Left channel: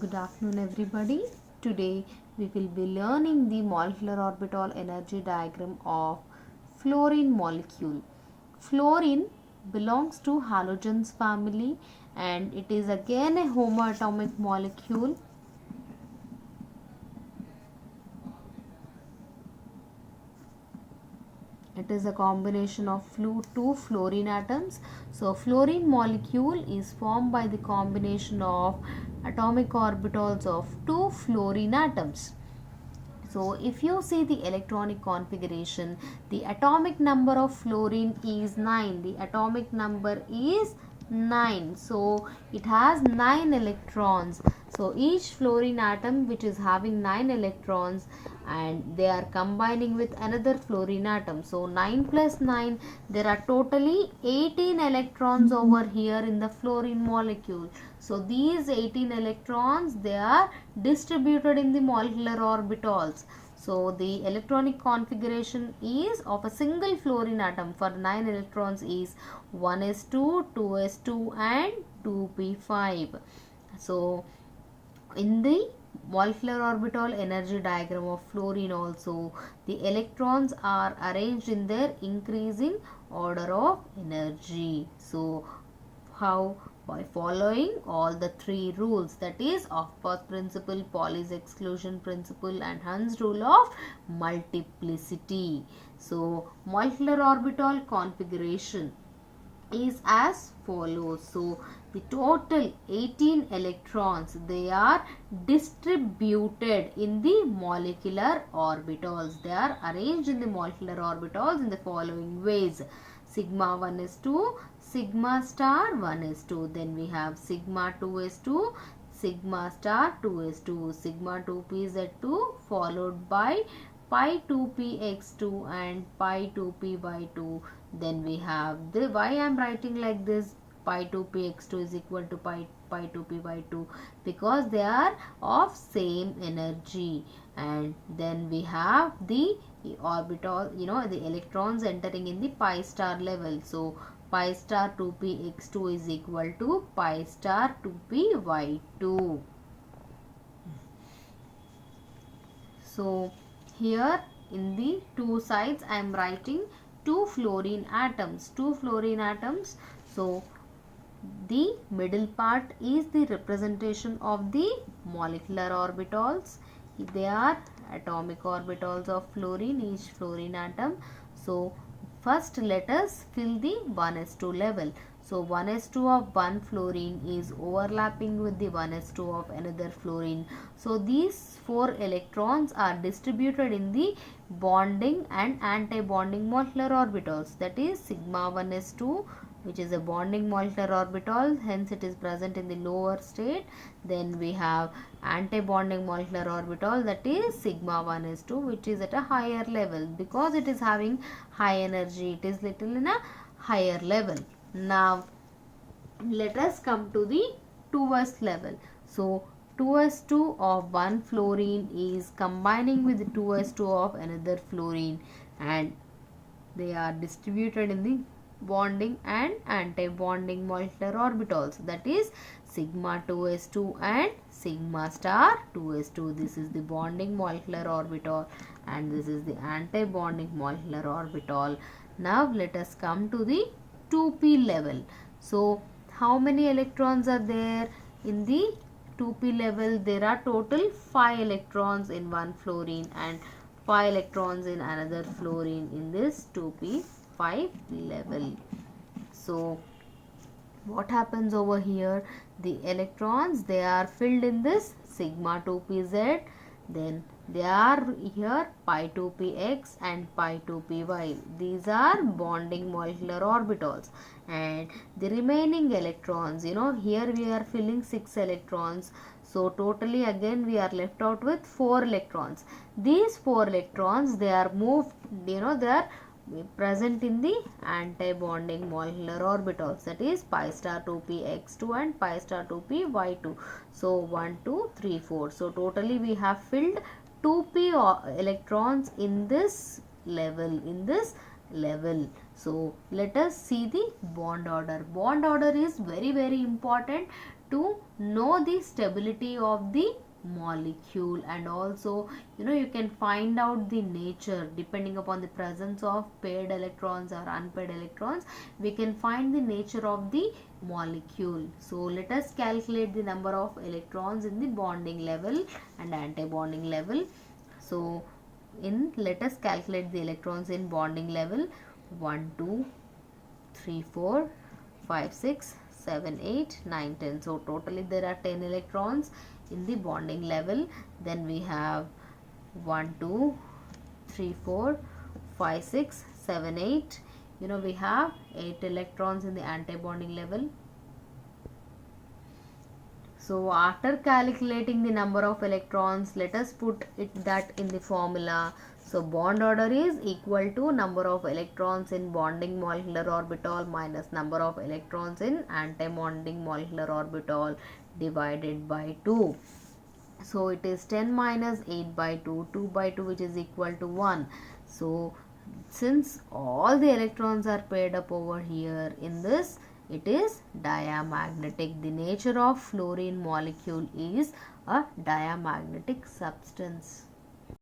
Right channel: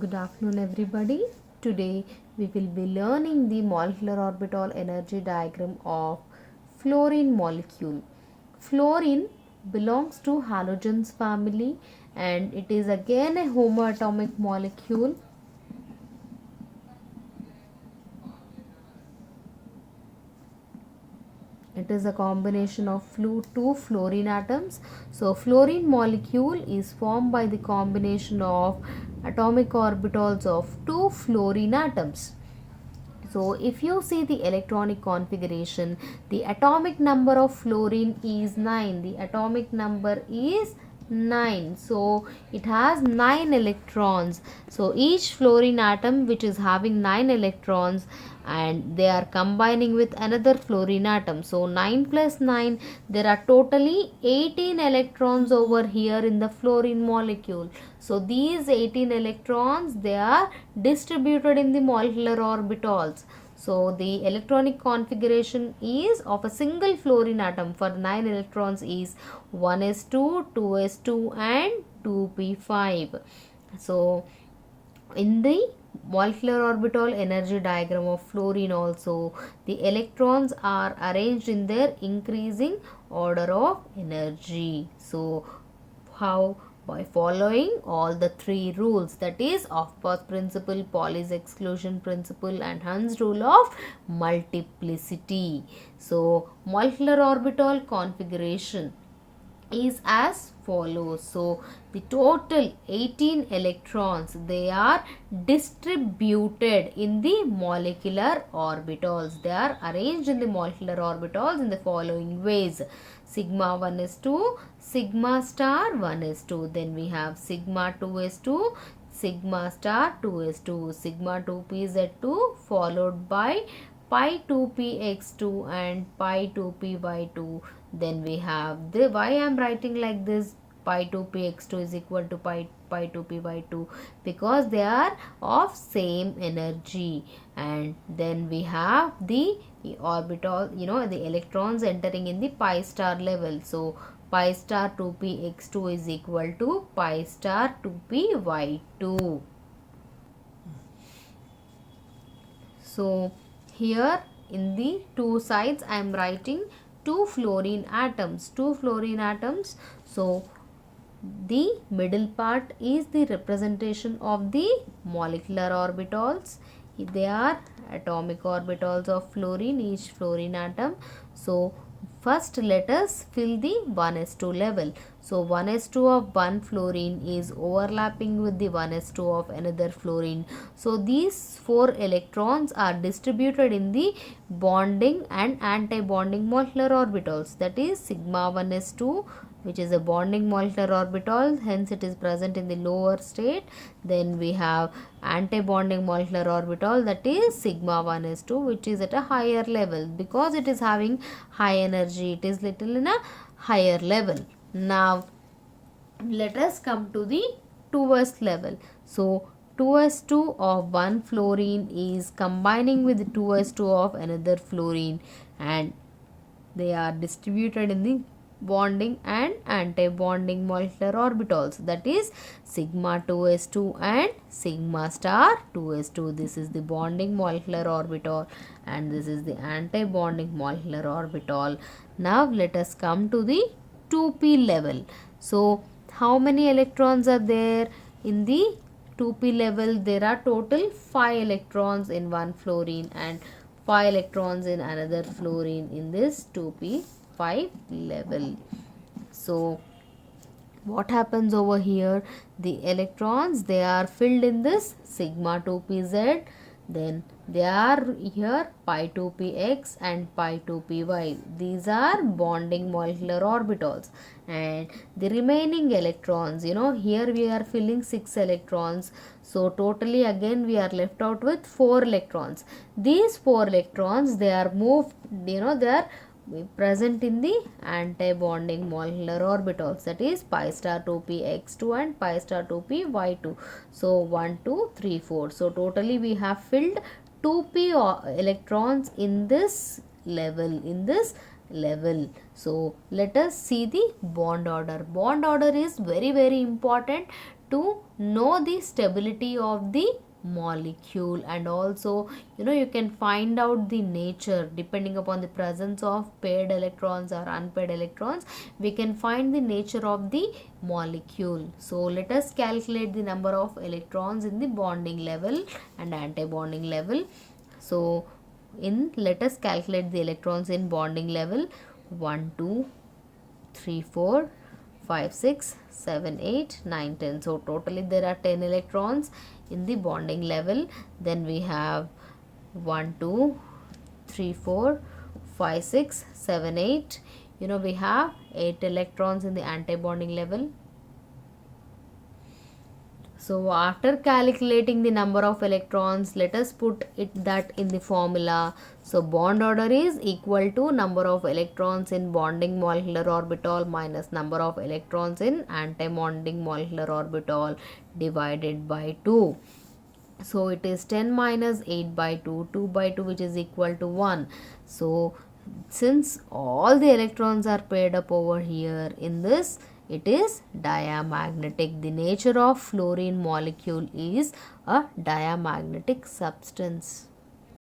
Good afternoon, everybody. Today we will be learning the molecular orbital energy diagram of fluorine molecule. Fluorine belongs to halogens family and it is again a homoatomic molecule. It is a combination of two fluorine atoms. So fluorine molecule is formed by the combination of atomic orbitals of two fluorine atoms. So if you see the electronic configuration, the atomic number of fluorine is 9. The atomic number is 9. So it has 9 electrons. So each fluorine atom which is having 9 electrons and they are combining with another fluorine atom. So 9 plus 9, there are totally 18 electrons over here in the fluorine molecule. So these 18 electrons, they are distributed in the molecular orbitals. So the electronic configuration is of a single fluorine atom for 9 electrons is 1s2, 2s2 and 2p5. So in the molecular orbital energy diagram of fluorine also, the electrons are arranged in their increasing order of energy. So how? By following all the three rules, that is Aufbau's principle, Pauli's exclusion principle and Hund's rule of multiplicity. So molecular orbital configuration is as follows. So the total 18 electrons, they are distributed in the molecular orbitals. They are arranged in the molecular orbitals in the following ways: sigma 1 is 2, sigma star 1 is 2, then we have sigma 2 is 2, sigma star 2 is 2, sigma 2p z2 followed by pi 2p x2 and pi 2p y2. Then we have the, why I am writing like this, pi 2p x2 is equal to pi 2p y2, because they are of same energy. And then we have the orbital, the electrons entering in the pi star level. So pi star 2p x2 is equal to pi star 2p y2. So here in the two sides I am writing two fluorine atoms. So the middle part is the representation of the molecular orbitals. They are atomic orbitals of fluorine, each fluorine atom. So first let us fill the 1s2 level. So 1s2 of one fluorine is overlapping with the 1s2 of another fluorine. So these 4 electrons are distributed in the bonding and anti-bonding molecular orbitals. That is sigma 1s2, which is a bonding molecular orbital, hence it is present in the lower state. Then we have anti-bonding molecular orbital, that is sigma 1s2, which is at a higher level because it is having high energy. It is little in a higher level. Now let us come to the 2s level. So 2s2 of one fluorine is combining with 2s2 of another fluorine and they are distributed in the bonding and anti-bonding molecular orbitals, that is sigma 2s2 and sigma star 2s2. This is the bonding molecular orbital and this is the anti-bonding molecular orbital. Now let us come to the 2p level. So how many electrons are there in the 2p level? There are total 5 electrons in one fluorine and 5 electrons in another fluorine in this 2p5 level. So what happens over here? The electrons, they are filled in this sigma 2pz, then they are here pi 2px and pi 2py. These are bonding molecular orbitals. And the remaining electrons, here we are filling 6 electrons. So totally again we are left out with 4 electrons. These 4 electrons, they are moved, they are present in the anti-bonding molecular orbitals, that is pi star 2p x2 and pi star 2p y2. So 1 2 3 4. So totally we have filled 2p electrons in this level, So let us see the bond order. Bond order is very very important to know the stability of the molecule, and also you can find out the nature depending upon the presence of paired electrons or unpaired electrons. We can find the nature of the molecule. So let us calculate the number of electrons in the bonding level and anti-bonding level. So let us calculate the electrons in bonding level. 1 2 3 4 5 6 7 8 9 10. So totally there are 10 electrons in the bonding level. Then we have 1 2 3 4 5 6 7 8. We have 8 electrons in the anti-bonding level. So after calculating the number of electrons, let us put that in the formula. So bond order is equal to number of electrons in bonding molecular orbital minus number of electrons in anti-bonding molecular orbital divided by 2. So it is 10 minus 8 by 2, 2 by 2, which is equal to 1. So since all the electrons are paired up over here in this, it is diamagnetic. The nature of fluorine molecule is a diamagnetic substance.